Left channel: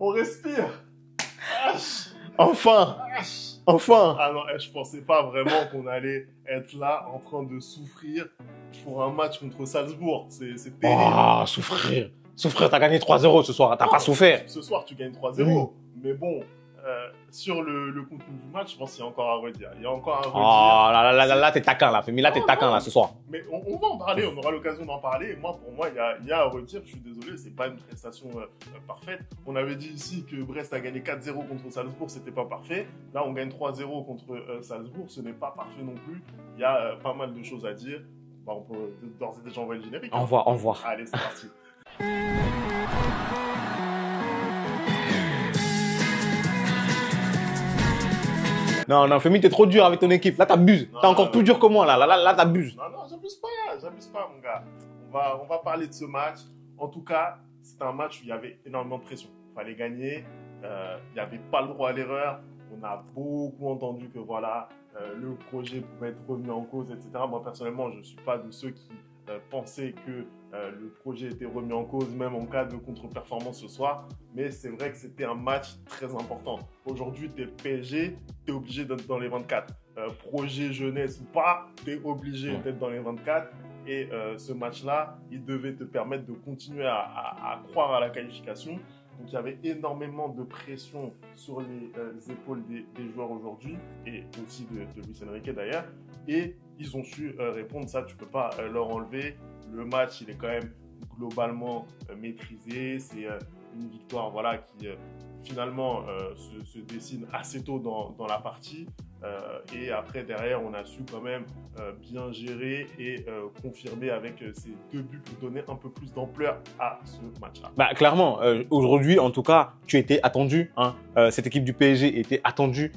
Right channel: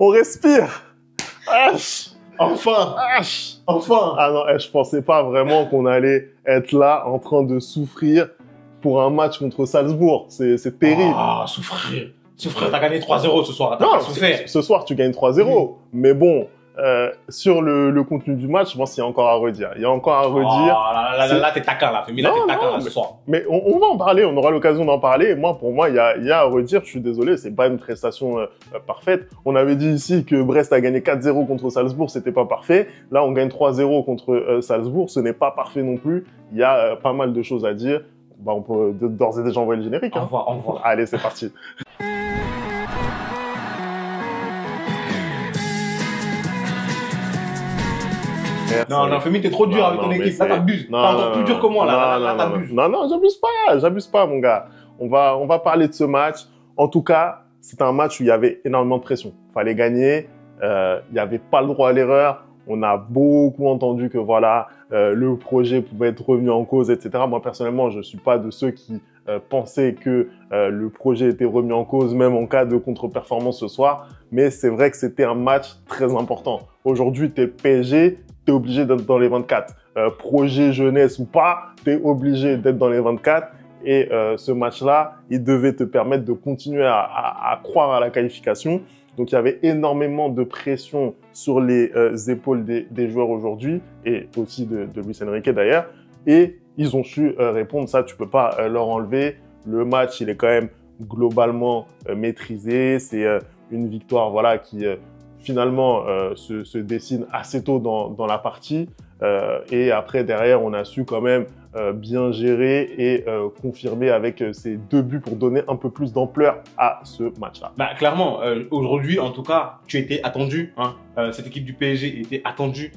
On respire. Enfin. Enfin. Ah non, je pensais pas vraiment qu'on allait être là en train de souffrir pour un match contre Salzbourg. C'est terrible. Ah, souffrir. Souffrir, t'as gagné 3-0 ce soir, t'as pas souffert. Ce soir, tu gagnes 3-0. Oui. Mais bon, sur le contenu du match, je pense qu'il y a encore à redire. Il y a encore à redire. Oh là, t'es taquin là, Femi, là, t'es taquin là ce soir. Mais on va en parler, on aura l'occasion d'en parler. Moi, pour moi, il y a à redire. Je suis désolé, c'est pas une prestation parfaite. On avait dit ici que Brest a gagné 4-0 contre Salzbourg, c'était pas parfait. Là, on gagne 3-0 contre Salzbourg, ce n'est pas parfait non plus. Il y a pas mal de choses à dire. Bah, on peut d'ores et déjà envoyer le générique. Au revoir. Allez, c'est parti. Non, Femi, t'es trop dur avec ton équipe. Là, t'abuses. T'es encore plus dur que moi. Là, t'abuses. Non, j'abuse pas, mon gars. On va parler de ce match. En tout cas, c'était un match où il y avait énormément de pression. Fallait gagner. Il n'y avait pas le droit à l'erreur. On a beaucoup entendu que voilà, le projet pouvait être remis en cause, etc. Moi, personnellement, je ne suis pas de ceux qui pensaient que le projet était remis en cause, même en cas de contre-performance ce soir. Mais c'est vrai que c'était un match très important. Aujourd'hui, tu es PSG, tu es obligé d'être dans les 24. Projet jeunesse ou pas, tu es obligé d'être dans les 24. Et ce match-là, il devait te permettre de continuer à croire à la qualification. Donc, il y avait énormément de pression sur les épaules des joueurs aujourd'hui et aussi de Luis Enrique d'ailleurs. Et ils ont su répondre. Ça, tu peux pas leur enlever. Le match, il est quand même globalement maîtrisé. C'est une victoire voilà, qui finalement se dessine assez tôt dans la partie. Et après, derrière, on a su quand même bien gérer et confirmer avec ces 2 buts pour donner un peu plus d'ampleur à ce match-là. Bah, clairement, aujourd'hui, en tout cas, tu étais attendu. Hein. Cette équipe du PSG était attendue.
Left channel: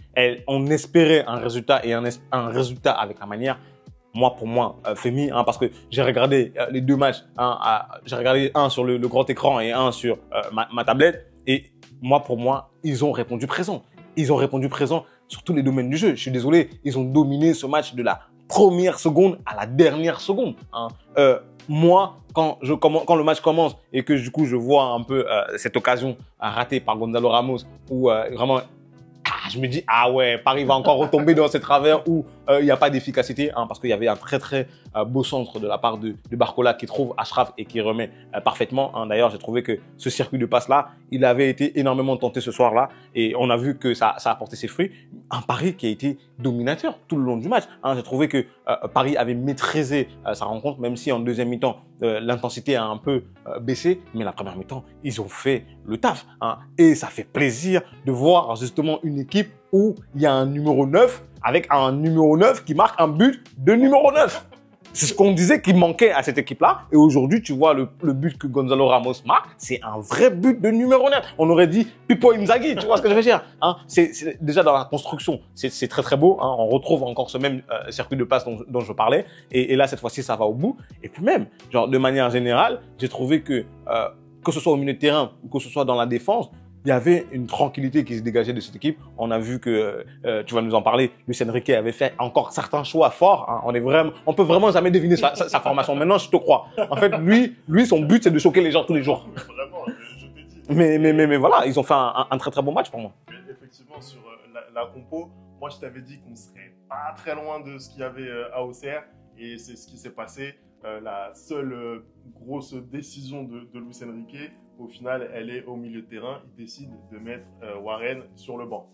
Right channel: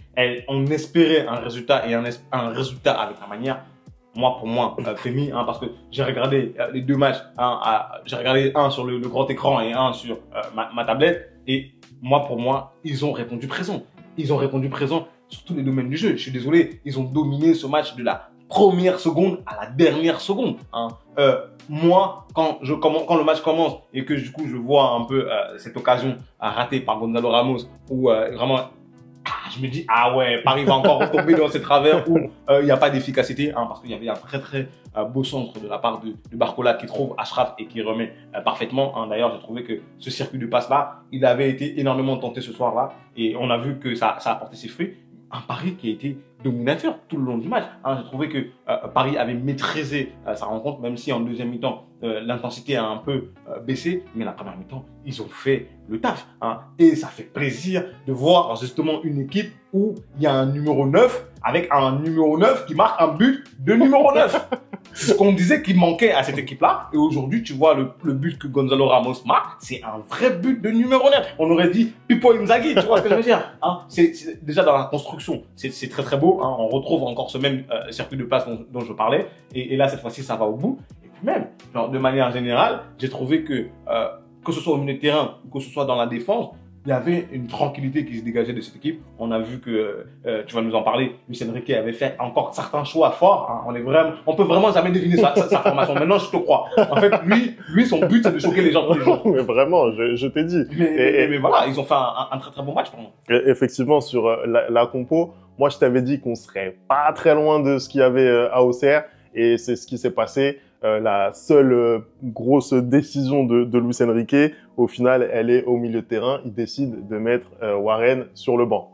On espérait un résultat et un résultat avec la manière. Pour moi, Femi, hein, parce que j'ai regardé les 2 matchs. J'ai regardé un sur le grand écran et un sur ma tablette. Et pour moi, ils ont répondu présent. Ils ont répondu présent sur tous les domaines du jeu. Je suis désolé, ils ont dominé ce match de la première seconde à la dernière seconde. Hein. Quand le match commence et que du coup je vois un peu cette occasion ratée par Gonzalo Ramos, où vraiment je me dis, ah ouais, Paris va encore retomber dans ces travers où il n'y a pas d'efficacité, hein, parce qu'il y avait un très très beau centre de la part de Barcola qui trouve Achraf et qui remet parfaitement. Hein. D'ailleurs, j'ai trouvé que ce circuit de passe-là, il avait été énormément tenté ce soir-là et on a vu que ça a porté ses fruits. Un Paris qui a été dominateur tout le long du match. Hein. J'ai trouvé que Paris avait maîtrisé sa rencontre, même si en deuxième mi-temps, l'intensité a un peu baissé. Mais la première mi-temps, ils ont fait le taf. Hein. Et ça fait plaisir de voir justement une équipe où il y a un numéro 9 avec un numéro 9 qui marque un but de numéro 9. C'est ce qu'on disait qui manquait à cette équipe-là. Et aujourd'hui, tu vois le but que Gonzalo Ramos marque, c'est un vrai but de numéro 9. On aurait dit Pipo Inzaghi, tu vois ce que je veux dire, hein. C'est déjà dans la construction, c'est très très beau. Hein. On retrouve encore ce même circuit de passe dont je parlais. Et là, cette fois-ci, ça va au bout. Et puis même, genre de manière générale, j'ai trouvé que ce soit au milieu de terrain ou que ce soit dans la défense, il y avait une tranquillité qui se dégageait de cette équipe. On a vu que, tu vas nous en parler, Luis Enrique avait fait encore certains choix forts. Hein. On peut vraiment jamais deviner sa formation. Maintenant, je te crois. En fait, lui, son but, c'est de choquer les gens tous les jours. Mais vraiment, je t'ai dit. Mais voilà, ils ont fait un très très bon match pour moi. Effectivement, sur la compo, moi, je t'avais dit qu'on serait pas très loin de ce qu'il y avait à Auxerre. Et c'est ce qui s'est passé. La seule grosse décision de Luis Enrique, au final, elle est au milieu de terrain. Il décide de mettre Warren sur le banc.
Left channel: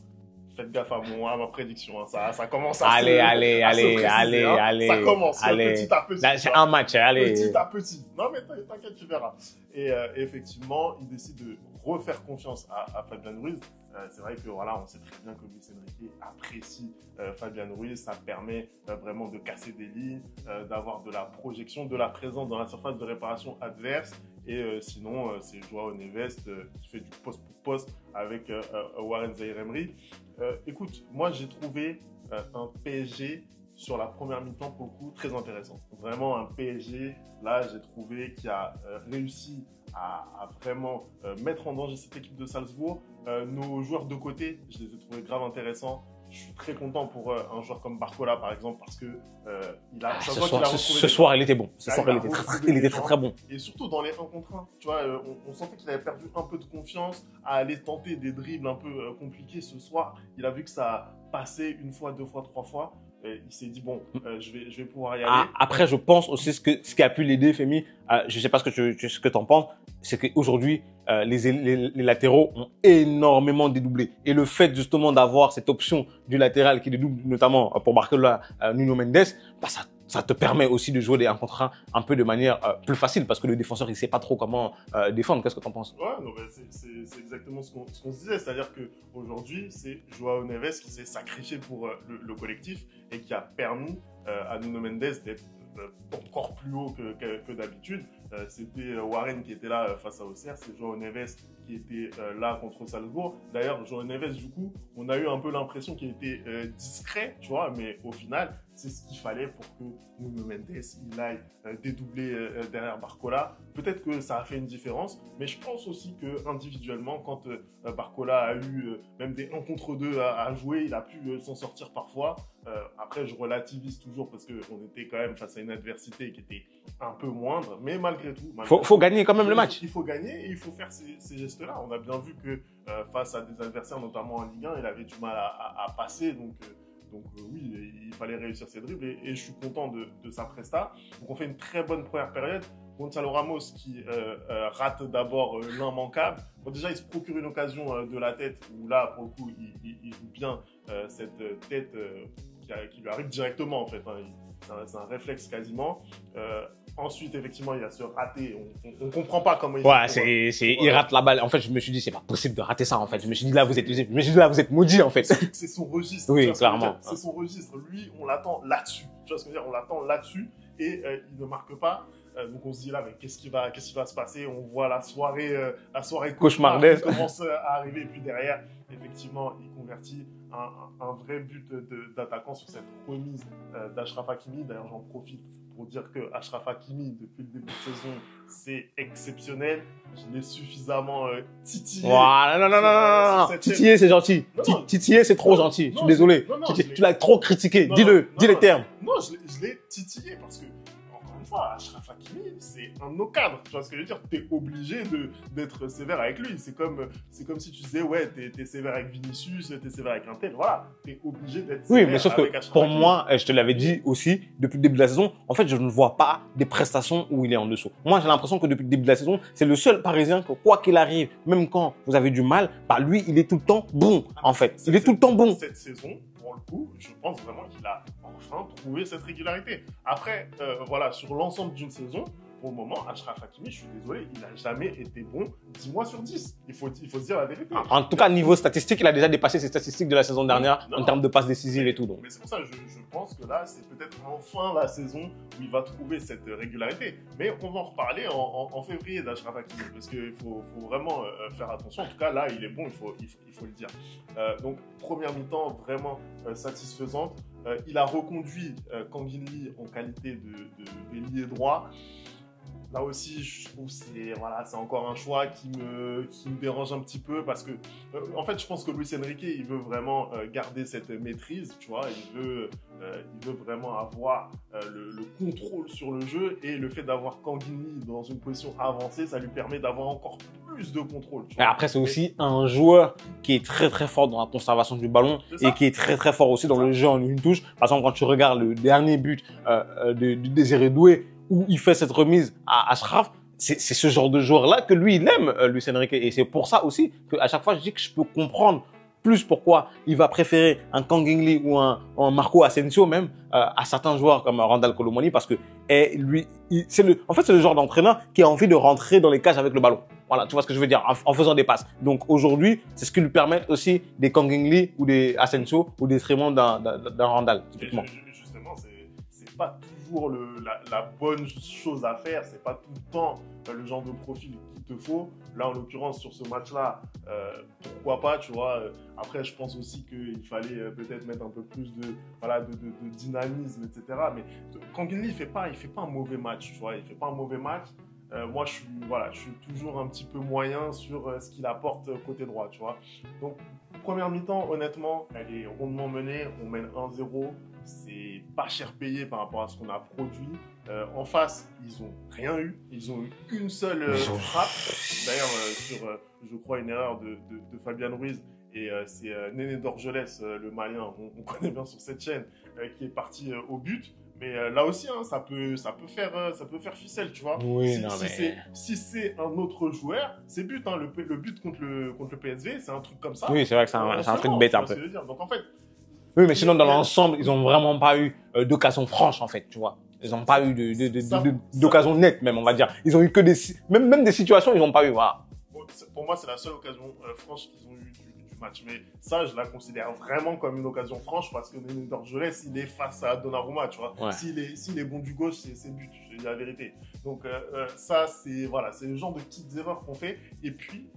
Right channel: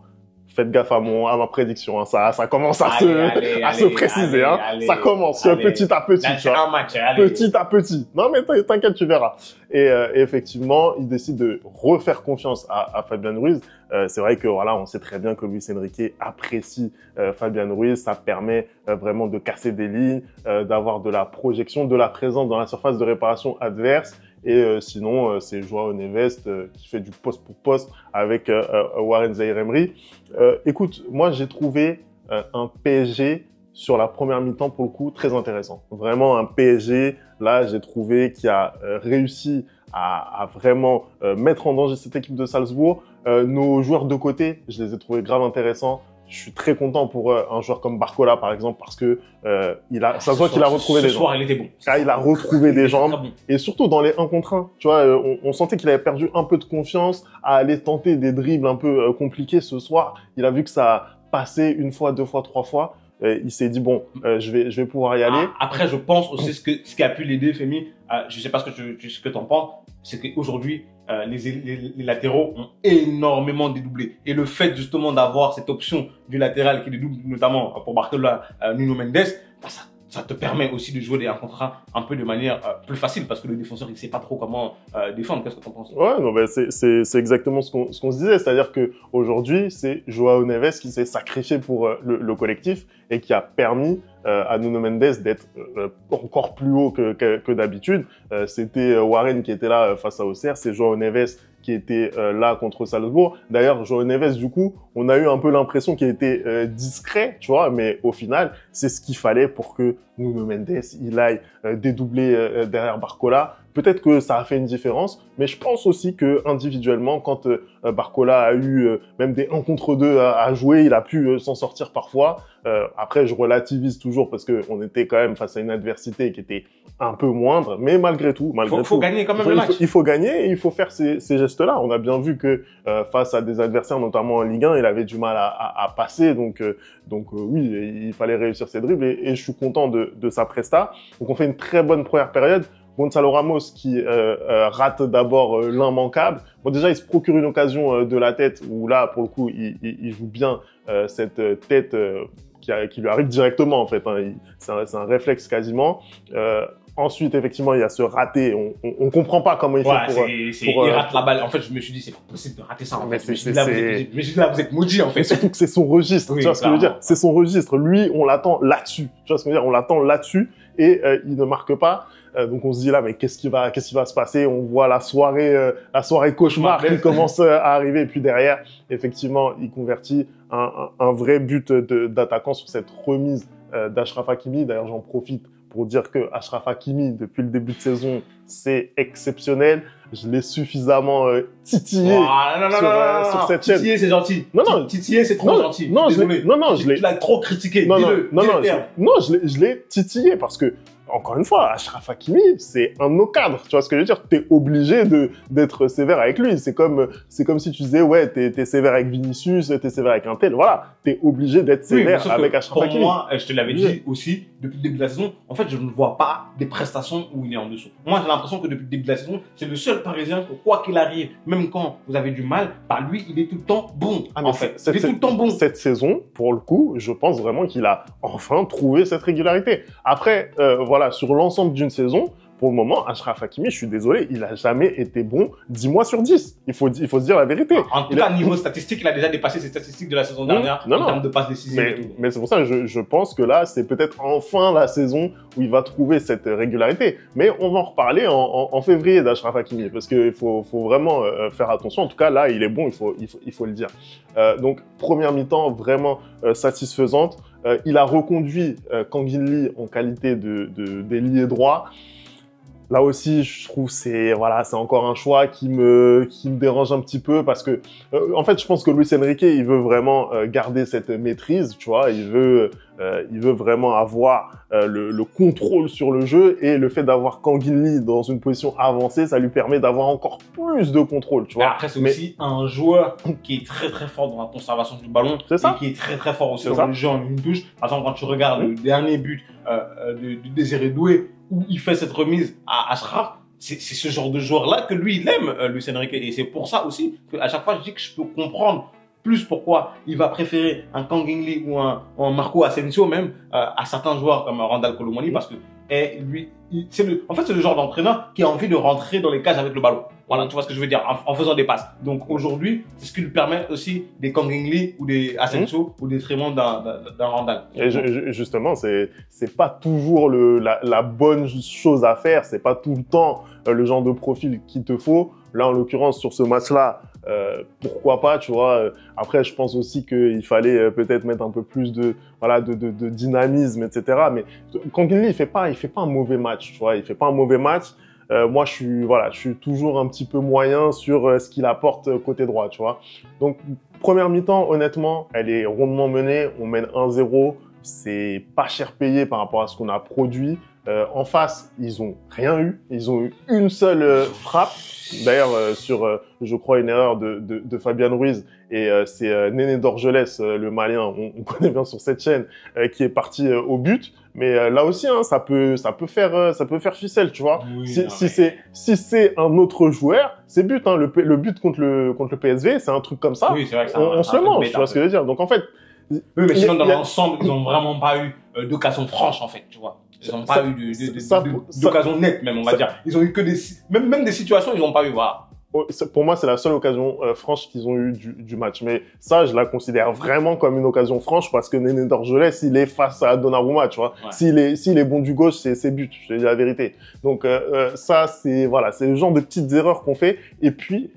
Faites gaffe à ma prédiction, hein. Ça commence à se préciser. Ça commence petit à petit. C'est un match. Allez. Petit à petit. Non, mais t'inquiète, tu verras. Et effectivement, il décide de refaire confiance à Fabian Ruiz. C'est vrai que voilà, on sait très bien que Luis Enrique apprécie Fabian Ruiz. Ça permet vraiment de casser des lignes, d'avoir de la projection, de la présence dans la surface de réparation adverse. Et sinon, c'est Joao Neves qui fait du poste pour poste avec Warren Zaïre-Emery. Écoute, moi, j'ai trouvé un PSG sur la première mi-temps, pour le coup, très intéressant. Vraiment un PSG, là, j'ai trouvé qui a réussi à vraiment mettre en danger cette équipe de Salzbourg. Nos joueurs de côté, je les ai trouvés grave intéressants. je suis très content pour un joueur comme Barcola, par exemple, parce que ça se voit qu'il a retrouvé des jambes. Ce soir, il était bon. Il a retrouvé des jambes. Bon. Et surtout dans les 1 contre 1. Tu vois, on sentait qu'il avait perdu un peu de confiance à aller tenter des dribbles un peu compliqués ce soir. Il a vu que ça passait 1 fois, 2 fois, 3 fois. Il s'est dit, bon, je vais pouvoir y aller. Après, je pense aussi ce qui a pu l'aider, Femi, je ne sais pas ce que tu en penses, c'est qu'aujourd'hui, les latéraux ont énormément dédoublé. Et le fait justement d'avoir cette option du latéral qui dédouble, notamment pour Barcola, Nuno Mendes, bah, ça te permet aussi de jouer des 1 contre 1 un peu de manière plus facile parce que le défenseur, il ne sait pas trop comment défendre. Qu'est-ce que tu en penses? Ouais, non, ben c'est exactement ce qu'on se disait. C'est-à-dire qu'aujourd'hui, c'est Joao Neves qui s'est sacrifié pour le collectif et qui a permis à Nuno Mendes d'être encore plus haut que d'habitude. C'était Warren qui était là face à Auxerre, c'est Joao Neves qui était là contre Salzbourg. D'ailleurs, Joao Neves, du coup, on a eu un peu l'impression qu'il était discret, tu vois, mais au final, c'est ce qu'il fallait pour que Nuno Mendes, il aille dédoubler derrière Barcola. Peut-être que ça a fait une différence, mais je pense aussi que individuellement, quand Barcola a eu même des 1 contre 2 à jouer, il a pu s'en sortir parfois. Après, je relativise toujours parce qu'on était quand même face à une adversité qui était un peu moindre, mais malgré tout, il faut gagner quand même le match. Il faut gagner et il faut faire ces gestes-là. On a bien vu que face à des adversaires, notamment en Ligue 1, il avait du mal à passer. Donc oui, il fallait réussir ses dribbles et je suis content de sa presta. Donc on fait une très bonne première période. Gonzalo Ramos qui rate d'abord l'immanquable. Bon, déjà, il se procure une occasion de la tête où là, pour le coup, il joue bien cette tête qui lui arrive directement, en fait. Hein. C'est un réflexe quasiment. Ensuite, effectivement, il y a ce raté. On comprend pas comment il fait il rate la balle. En fait, je me suis dit, c'est pas possible de rater ça, en fait. Je me suis dit, là, vous êtes maudit, en fait. Surtout que c'est son registre. Oui, tu vois ce que je veux dire? C'est son registre. Lui, on l'attend là-dessus. Tu vois ce que je veux dire? On l'attend là-dessus et il ne marque pas. Donc on se dit là, mais qu'est-ce qui va se passer? On voit la soirée cauchemar qui commence à arriver. Et puis derrière, effectivement, il convertit un vrai but d'attaquant sur cette remise d'Achraf Hakimi. D'ailleurs, j'en profite pour dire que Achraf Hakimi, depuis le début de saison, c'est exceptionnel. Je l'ai suffisamment titillé. Non, titillé, c'est gentil. Non, titillé, c'est trop gentil. Non, désolé. Tu l'as trop critiqué. Dis-le terme. Non, je l'ai titillé parce que, encore une fois, Achraf Hakimi, c'est un de nos cadres. Tu vois ce que je veux dire? T'es obligé d'être sévère avec lui. C'est comme si tu disais, ouais, t'es sévère avec Vinicius, t'es sévère avec un tel. Voilà, t'es obligé d'être sévère avec Achraf Hakimi. Pour moi, je te l'avais dit aussi, depuis le début de la saison, en fait, je ne vois pas des prestations où il est en dessous. Moi, j'ai l'impression que depuis le début de la saison, c'est le seul Parisien que, quoi qu'il arrive, même quand vous avez du mal, bah lui, il est tout le temps bon, en fait. Il est tout le temps bon. Cette saison, pour le coup, je pense vraiment qu'il a enfin trouvé cette régularité. Après, voilà, sur l'ensemble d'une saison, pour le moment, Achraf Hakimi, je suis désolé, il n'a jamais été bon 10 mois sur 10. Il faut se dire la vérité. En tout cas, niveau statistique, il a déjà dépassé ses statistiques de la saison dernière en termes de passes décisives et tout. Mais c'est pour ça que je pense que là, c'est peut-être enfin la saison où il va trouver cette régularité. Mais on va en reparler en février d'Achraf Hakimi parce qu'il faut vraiment faire attention. En tout cas, là, il est bon, il faut le dire. Donc, première mi-temps vraiment satisfaisante. Il a reconduit Kanguinli en qualité d'ailier droit. Là aussi, je trouve c'est encore un choix qui me dérange un petit peu parce que en fait, je pense que Luis Enrique, il veut vraiment garder cette maîtrise, tu vois, il veut vraiment avoir le contrôle sur le jeu et le fait d'avoir Kanguinli dans une position avancée, ça lui permet d'avoir encore plus de contrôle, tu vois. Après, c'est aussi un joueur qui est très très fort dans la conservation du ballon et qui est très très fort aussi dans le jeu en une touche. Par exemple, quand tu regardes le dernier but de Désiré Doué, où il fait cette remise à Achraf, c'est ce genre de joueur-là que lui, il aime, Luis Enrique. Et c'est pour ça aussi qu'à chaque fois, je dis que je peux comprendre plus pourquoi il va préférer un Kanguinli ou un Marco Asensio même à certains joueurs comme Randal Kolo Muani parce que lui, c'est le genre d'entraîneur qui a envie de rentrer dans les cages avec le ballon. Voilà, tu vois ce que je veux dire, en faisant des passes. Donc aujourd'hui, c'est ce qui lui permet aussi des Kanguinli ou des Asensio ou des détriment d'un Randal. Et justement, c'est pas toujours la bonne chose à faire, c'est pas tout le temps le genre de profil qu'il te faut. Là, en l'occurrence, sur ce match-là, pourquoi pas, tu vois. Après, je pense aussi qu'il fallait peut-être mettre un peu plus de dynamisme, etc. Mais Kanguinli, il fait pas un mauvais match, tu vois. Il fait pas un mauvais match. moi, je suis toujours un petit peu moyen sur ce qu'il apporte côté droit, tu vois. Donc, première mi-temps, honnêtement, elle est rondement menée. On mène 1-0. C'est pas cher payé par rapport à ce qu'on a produit. En face, ils ont rien eu. Ils ont eu une seule frappe. D'ailleurs, sur, je crois, une erreur de Fabian Ruiz. Et c'est Néné Dorgelès, le Malien, on connaît bien sur cette chaîne, qui est parti au but. Mais là aussi, hein, ça peut faire ficelle, tu vois. Oui, Si c'est un autre joueur, c'est but. Hein. Le but contre le PSV, c'est un truc comme ça. Oui, c'est vrai que on se le mange, tu vois ce que je veux dire. Donc en fait, oui, mais sinon, dans l'ensemble, ils n'ont vraiment pas eu d'occasion franche, en fait, tu vois. Ils n'ont pas eu d'occasion nette, même, on va dire. Ils ont eu que même des situations, ils n'ont pas eu, voilà. Pour moi, c'est la seule occasion franche qu'ils ont eue du match. Mais ça, je la considère vraiment comme une occasion franche parce que Néné Dorgelès, il est face à Donnarumma, tu vois. Ouais. S'il est bon du gauche, c'est but, je te dis la vérité. Donc ça, c'est le genre de petites erreurs qu'on fait. Et puis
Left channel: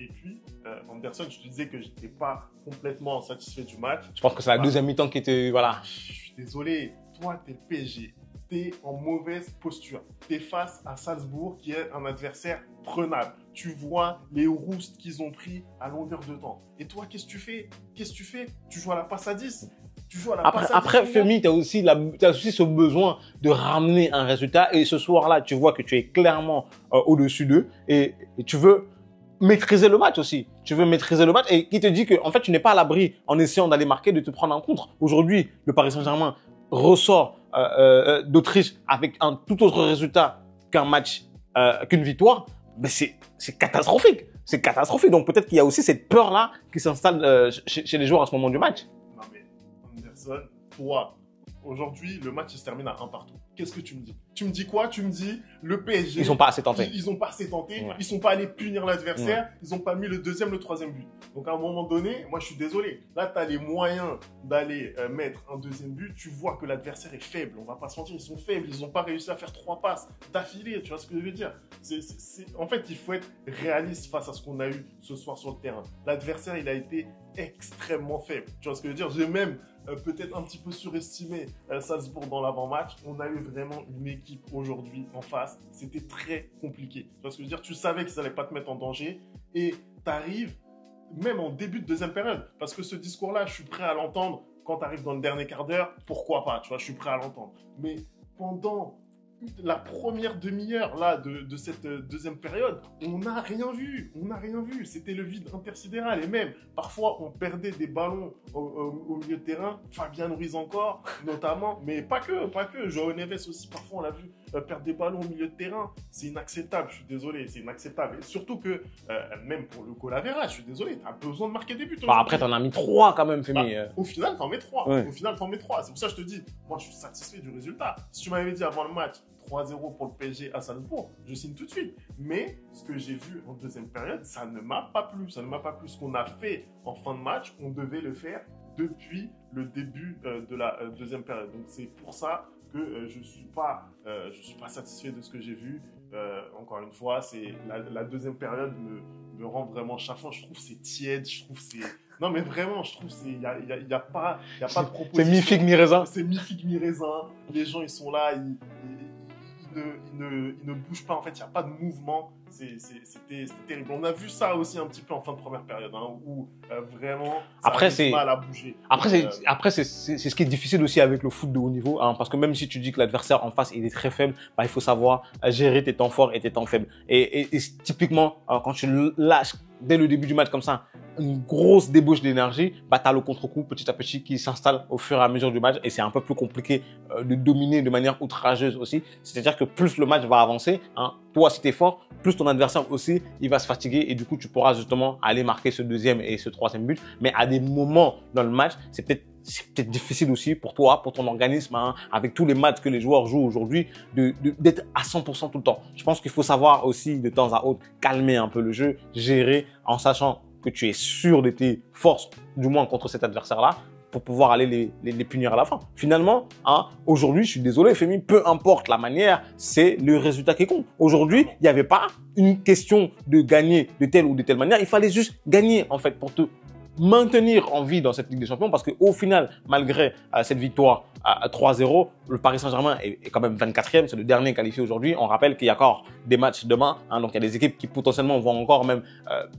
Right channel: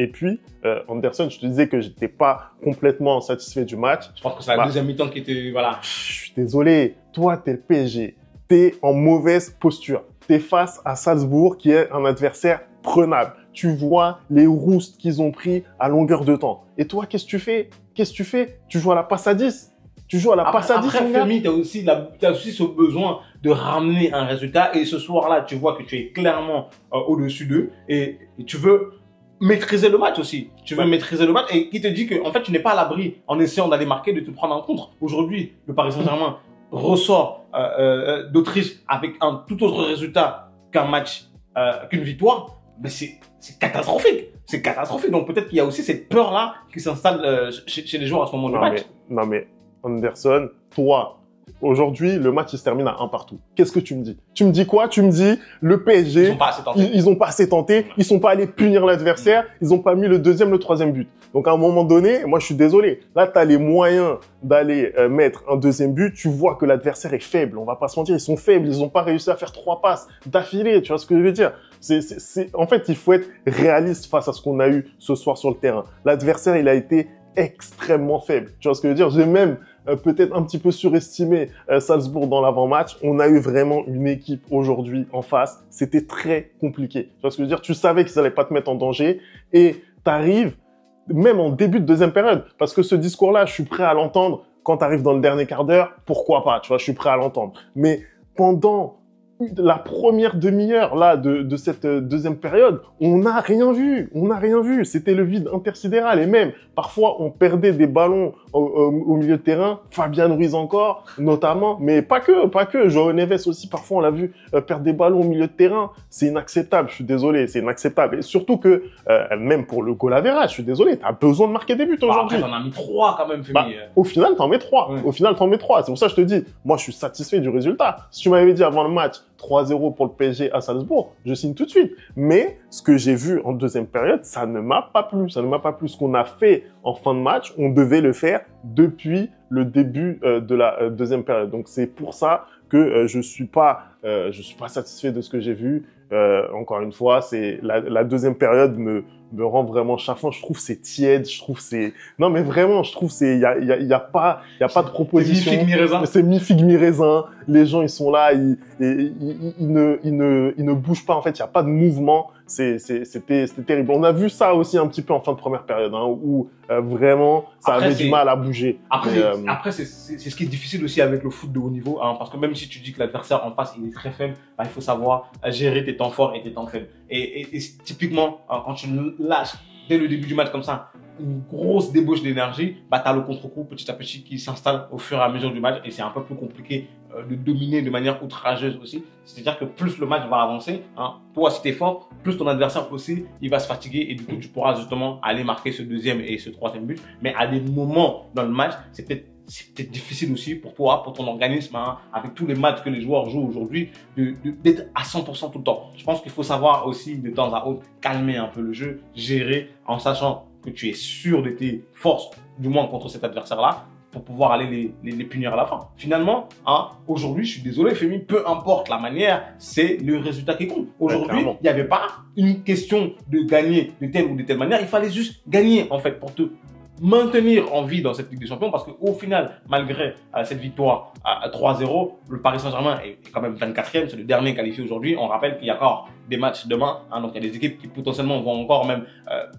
Anderson, je te disais que j'étais pas complètement satisfait du match. Je pense que c'est la deuxième mi-temps qui était, voilà. Je suis désolé. Toi, t'es le PSG. T'es en mauvaise posture. T'es face à Salzbourg, qui est un adversaire prenable. Tu vois les roustes qu'ils ont pris à longueur de temps. Et toi, qu'est-ce que tu fais? Tu joues à la passe à 10. Tu joues à la passe à 10. Après, Femi, tu as aussi ce besoin de ramener un résultat. Et ce soir-là, tu vois que tu es clairement au-dessus d'eux. Et tu veux maîtriser le match aussi. Tu veux maîtriser le match. Et qui te dit que en fait, tu n'es pas à l'abri, en essayant d'aller marquer, de te prendre en contre. Aujourd'hui, le Paris Saint-Germain ressort d'Autriche avec un tout autre résultat qu'un match, qu'une victoire. Ben c'est catastrophique. C'est catastrophique. Donc peut-être qu'il y a aussi cette peur-là qui s'installe chez les joueurs à ce moment du match. Non mais Anderson, toi, aujourd'hui, le match il se termine à 1 partout. Qu'est-ce que tu me dis? Tu me dis quoi? Tu me dis le PSG. Ils n'ont pas assez tenté. Ils n'ont pas assez tenté. Ouais. Ils sont pas allés punir l'adversaire. Ouais. Ils n'ont pas mis le deuxième, le troisième but. Donc à un moment donné, moi je suis désolé. Là, tu as les moyens d'aller mettre un deuxième but. Tu vois que l'adversaire est faible. On va pas se mentir, ils sont faibles. Ils n'ont pas réussi à faire 3 passes d'affilée. Tu vois ce que je veux dire? En fait, il faut être réaliste face à ce qu'on a eu ce soir sur le terrain. L'adversaire, il a été extrêmement faible. Tu vois ce que je veux dire? J'ai même peut-être un petit peu surestimé Salzbourg dans l'avant-match. On a eu vraiment une équipe aujourd'hui en face. C'était très compliqué. Tu vois ce que je veux dire? Tu savais qu'ils n'allaient pas te mettre en danger et tu arrives même en début de deuxième période. Parce que ce discours-là, je suis prêt à l'entendre quand tu arrives dans le dernier quart d'heure. Pourquoi pas? Tu vois, je suis prêt à l'entendre. Mais pendant la première demi-heure là de cette deuxième période, on n'a rien vu. On n'a rien vu. C'était le vide intersidéral. Et même, parfois, on perdait des ballons au milieu de terrain. Fabian Ruiz encore, notamment. Mais pas que. João Neves aussi, parfois, on l'a vu perdre des ballons au milieu de terrain. C'est inacceptable. Je suis désolé. C'est inacceptable. Et surtout que, même pour le goal average, je suis désolé. Tu as besoin de marquer des buts aujourd'hui. Après, t'en as mis 3 quand même, Femi. Au final, t'en mets 3. Ouais. Au final, t'en mets 3. C'est pour ça que je te dis, moi, je suis satisfait du résultat. Si tu m'avais dit avant le match, 3-0 pour le PSG à Salzbourg, je signe tout de suite. Mais ce que j'ai vu en deuxième période, ça ne m'a pas plu. Ça ne m'a pas plu. Ce qu'on a fait en fin de match, on devait le faire depuis le début de la deuxième période. Donc c'est pour ça que je suis pas satisfait de ce que j'ai vu. Encore une fois, c'est la deuxième période me rend vraiment chafouin. Je trouve c'est tiède. Je trouve c'est non mais vraiment, je trouve c'est il y a pas de proposition. C'est mi-figue, mi-raisin. C'est mi-figue, mi-raisin. Les gens ils sont là, ils ne bougent pas en fait. Il y a pas de mouvement. C'était terrible. On a vu ça aussi un petit peu en fin de première période, hein, où vraiment ça avait du mal à bouger. Après, c'est ce qui est difficile aussi avec le foot de haut niveau, hein, parce que même si tu dis que l'adversaire en face il est très faible, bah, il faut savoir gérer tes temps forts et tes temps faibles. Et typiquement, quand tu lâches dès le début du match comme ça, une grosse débauche d'énergie, bah, tu as le contre-coup petit à petit qui s'installe au fur et à mesure du match et c'est un peu plus compliqué de dominer de manière outrageuse aussi. C'est-à-dire que plus le match va avancer, hein, toi si tu es fort, plus ton adversaire aussi, il va se fatiguer et du coup tu pourras justement aller marquer ce deuxième et ce troisième but. Mais à des moments dans le match, c'est peut-être difficile aussi pour toi, pour ton organisme, hein, avec tous les matchs que les joueurs jouent aujourd'hui, d'être à 100% tout le temps. Je pense qu'il faut savoir aussi de temps à autre calmer un peu le jeu, gérer en sachant que tu es sûr de tes forces, du moins contre cet adversaire-là, pour pouvoir aller les punir à la fin. Finalement, hein, aujourd'hui, je suis désolé, Femi, peu importe la manière, c'est le résultat qui compte. Aujourd'hui, il n'y avait pas une question de gagner de telle ou de telle manière, il fallait juste gagner en fait pour te maintenir en vie dans cette Ligue des Champions parce qu'au final, malgré cette victoire à 3-0, le Paris Saint-Germain est quand même 24e, c'est le dernier qualifié aujourd'hui. On rappelle qu'il y a encore des matchs demain, hein, donc il y a des équipes qui potentiellement vont encore même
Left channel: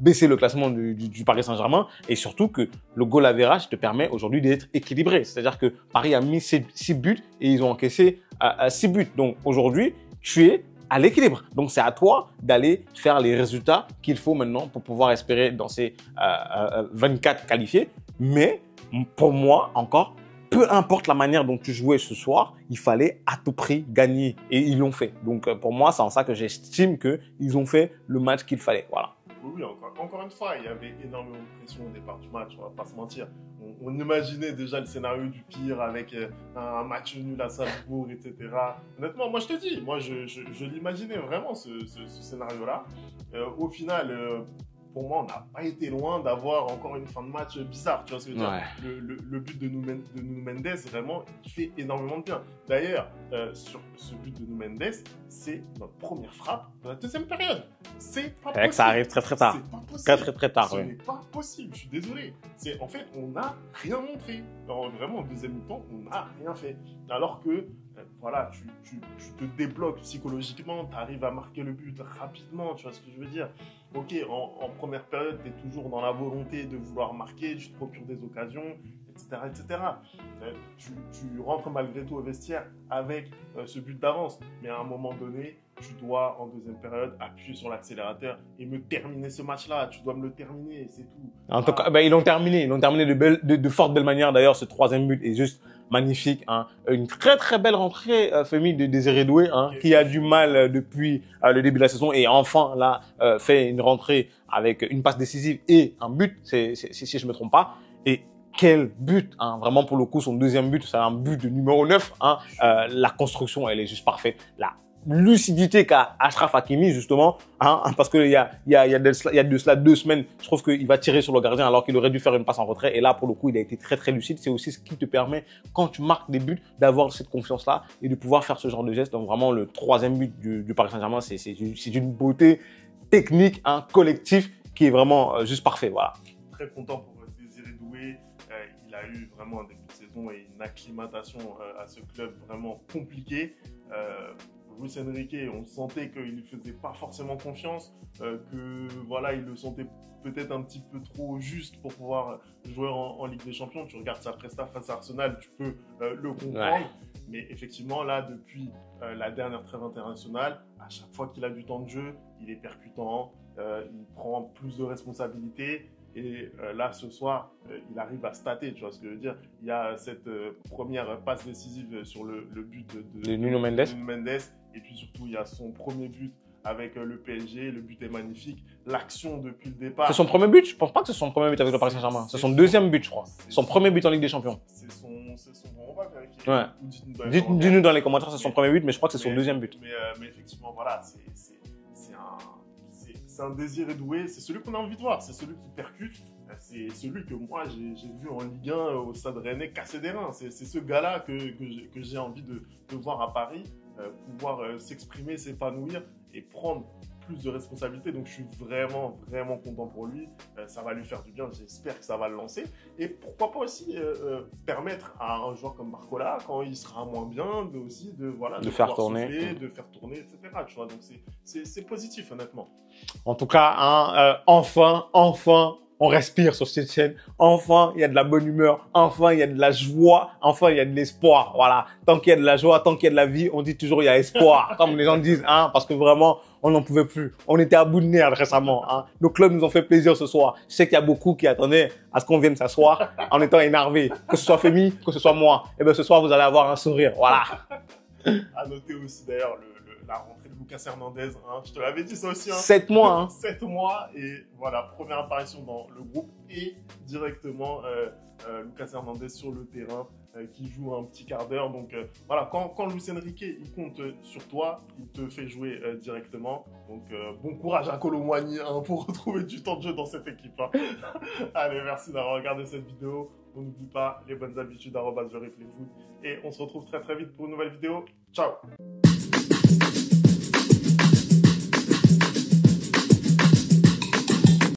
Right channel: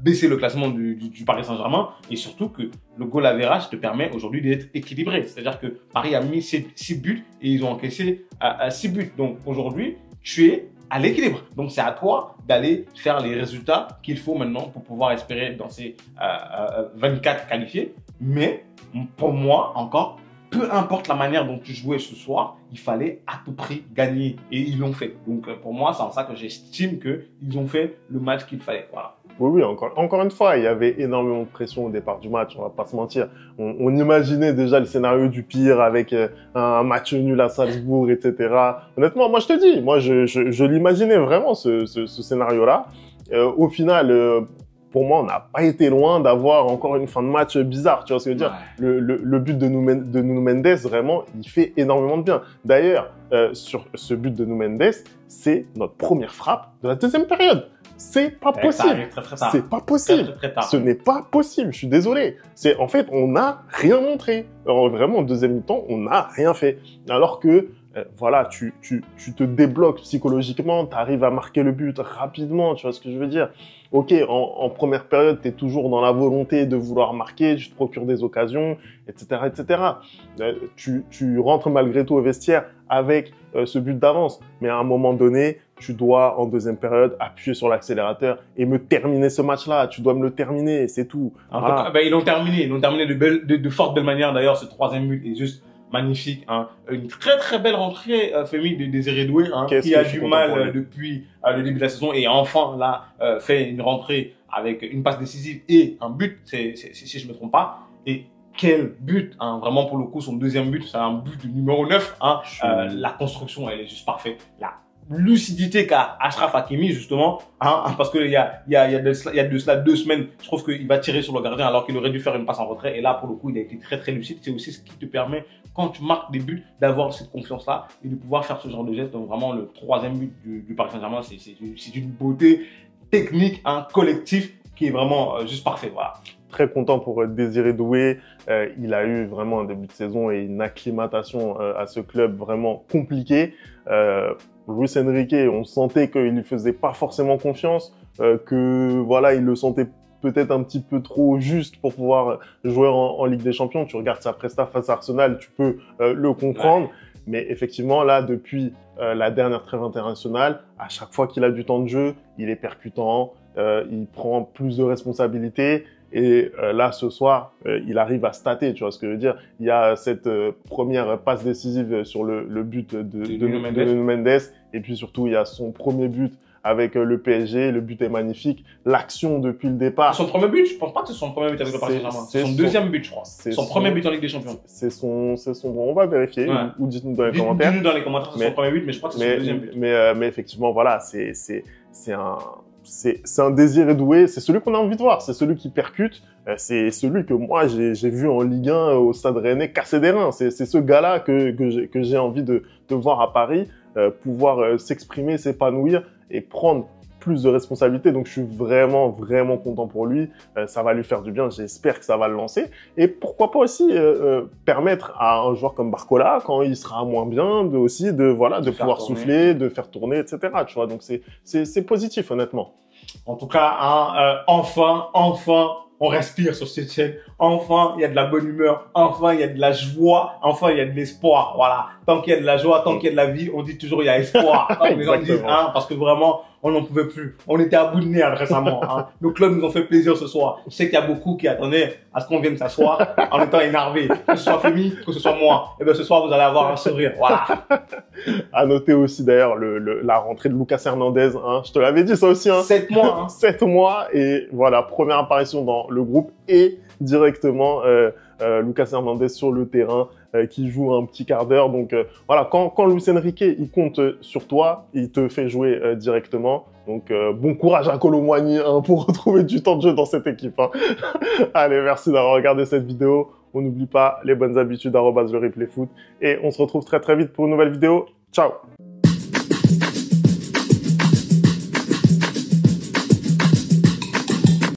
baisser le classement du Paris Saint-Germain et surtout que le goal average te permet aujourd'hui d'être équilibré. C'est-à-dire que Paris a mis 6 buts et ils ont encaissé 6 buts. Donc aujourd'hui, tu es à l'équilibre. Donc, c'est à toi d'aller faire les résultats qu'il faut maintenant pour pouvoir espérer dans ces 24 qualifiés. Mais pour moi, encore, peu importe la manière dont tu jouais ce soir, il fallait à tout prix gagner. Et ils l'ont fait. Donc, pour moi, c'est en ça que j'estime qu'ils ont fait le match qu'il fallait. Voilà. Oui, encore une fois, il y avait énormément de pression au départ du match, on va pas se mentir. On imaginait déjà le scénario du pire avec un match nul à Salzbourg, etc. Honnêtement, moi je te dis, moi je l'imaginais vraiment ce scénario-là. Au final, pour moi, on n'a pas été loin d'avoir encore une fin de match bizarre, tu vois ce que je veux dire. Le but de Nuno Mendes, vraiment, il fait énormément de bien. D'ailleurs, sur ce but de Nuno Mendes, c'est notre première frappe de la deuxième période. C'est pas possible. Ça arrive très tard. C'est pas possible. Très tard. Ce n'est pas possible. Je suis désolé. En fait, on n'a rien montré. Alors, vraiment, en deuxième mi-temps, on n'a rien fait. Alors que, voilà, tu te débloques psychologiquement, tu arrives à marquer le but rapidement. Tu vois ce que je veux dire? Ok, en première période, tu es toujours dans la volonté de vouloir marquer, tu te procures des occasions, etc., etc. Tu rentres malgré tout au vestiaire avec ce but d'avance. Mais à un moment donné, tu dois, en deuxième période, appuyer sur l'accélérateur et me terminer ce match-là. Tu dois me le terminer, c'est tout. En tout cas, ils l'ont terminé. Ils l'ont terminé de fort belle manière. D'ailleurs, ce troisième but est juste magnifique. Hein. Une très très belle rentrée féminine de Désiré Doué, hein, qui a du mal depuis le début de la saison et enfin là fait une rentrée avec une passe décisive et un but, si je me trompe pas. Et quel but, hein, vraiment pour le coup, son deuxième but, c'est un but de numéro 9. Hein. La construction, elle est juste parfaite. La lucidité qu'a Achraf Hakimi, justement, hein, parce qu'il y a de cela 2 semaines, je trouve qu'il va tirer sur le gardien alors qu'il aurait dû faire une passe en retrait. Et là, pour le coup, il a été très très lucide. C'est aussi ce qui te permet, quand tu marques des buts, d'avoir cette confiance-là et de pouvoir faire ce genre de geste. Donc vraiment, le troisième but du Paris Saint-Germain, c'est une beauté technique, un collectif qui est vraiment juste parfait. Voilà. Très content pour Désiré Doué. Il a eu vraiment un début de saison et une acclimatation à ce club vraiment compliqué. Luis Enrique, on sentait qu'il ne lui faisait pas forcément confiance, que voilà, il le sentait peut-être un petit peu trop juste pour pouvoir jouer en Ligue des Champions. Tu regardes sa presta face à Arsenal, tu peux le comprendre. Ouais. Mais effectivement, là, depuis la dernière trêve internationale, à chaque fois qu'il a du temps de jeu, il est percutant, il prend plus de responsabilités. Et là, ce soir, il arrive à stater, tu vois ce que je veux dire. Il y a cette première passe décisive sur le but de Nuno Mendes. Et puis surtout, il y a son premier but avec le PSG. Le but est magnifique. L'action depuis le départ. C'est son premier but? Je pense pas que c'est son premier but avec le Paris Saint-Germain. C'est son deuxième but, je crois. Son premier but en Ligue des Champions. C'est son... On va vérifier. Ouais. Ou dites-nous dans les commentaires. Dites-nous dans les commentaires, c'est son premier but, mais je crois que c'est son deuxième but. Mais effectivement, voilà, c'est un Désiré Doué, c'est celui qu'on a envie de voir, c'est celui qui percute, c'est celui que moi j'ai vu en Ligue 1 au Stade Rennais casser des reins. C'est ce gars-là que j'ai envie de voir à Paris, pouvoir s'exprimer, s'épanouir et prendre plus de responsabilités. Donc je suis vraiment content pour lui. Ça va lui faire du bien, j'espère que ça va le lancer. Et pourquoi pas aussi permettre à un joueur comme Barcola, quand il sera moins bien, de pouvoir souffler, de faire tourner, etc. Tu vois, donc c'est positif honnêtement. En tout cas, hein, enfin, on respire sur cette chaîne. Enfin, il y a de la bonne humeur. Enfin, il y a de la joie. Enfin, il y a de l'espoir. Voilà. Tant qu'il y a de la joie, tant qu'il y a de la vie, on dit toujours il y a espoir. Comme les gens disent, hein, parce que vraiment, on n'en pouvait plus. On était à bout de nerfs récemment. Hein. Nos clubs nous ont fait plaisir ce soir. Je sais qu'il y a beaucoup qui attendaient à ce qu'on vienne s'asseoir en étant énervés. Que ce soit Femi, que ce soit moi. Et bien ce soir, vous allez avoir un sourire. Voilà. À noter aussi d'ailleurs la rentrée de Lucas Hernandez. Hein. Je te l'avais dit ça aussi. Hein. 7 mois. Hein. 7 mois. Et voilà, première apparition dans le groupe et directement Lucas Hernandez sur le terrain qui joue un petit quart d'heure. Donc voilà, quand Luis Enrique il compte sur toi, il te fait jouer directement. Donc bon courage à Kolo Muani hein, pour retrouver du temps de jeu dans cette équipe. Hein. Allez, merci d'avoir regardé cette vidéo. On n'oublie pas les bonnes habitudes @lereplayfoot et on se retrouve très vite pour une nouvelle vidéo. Ciao.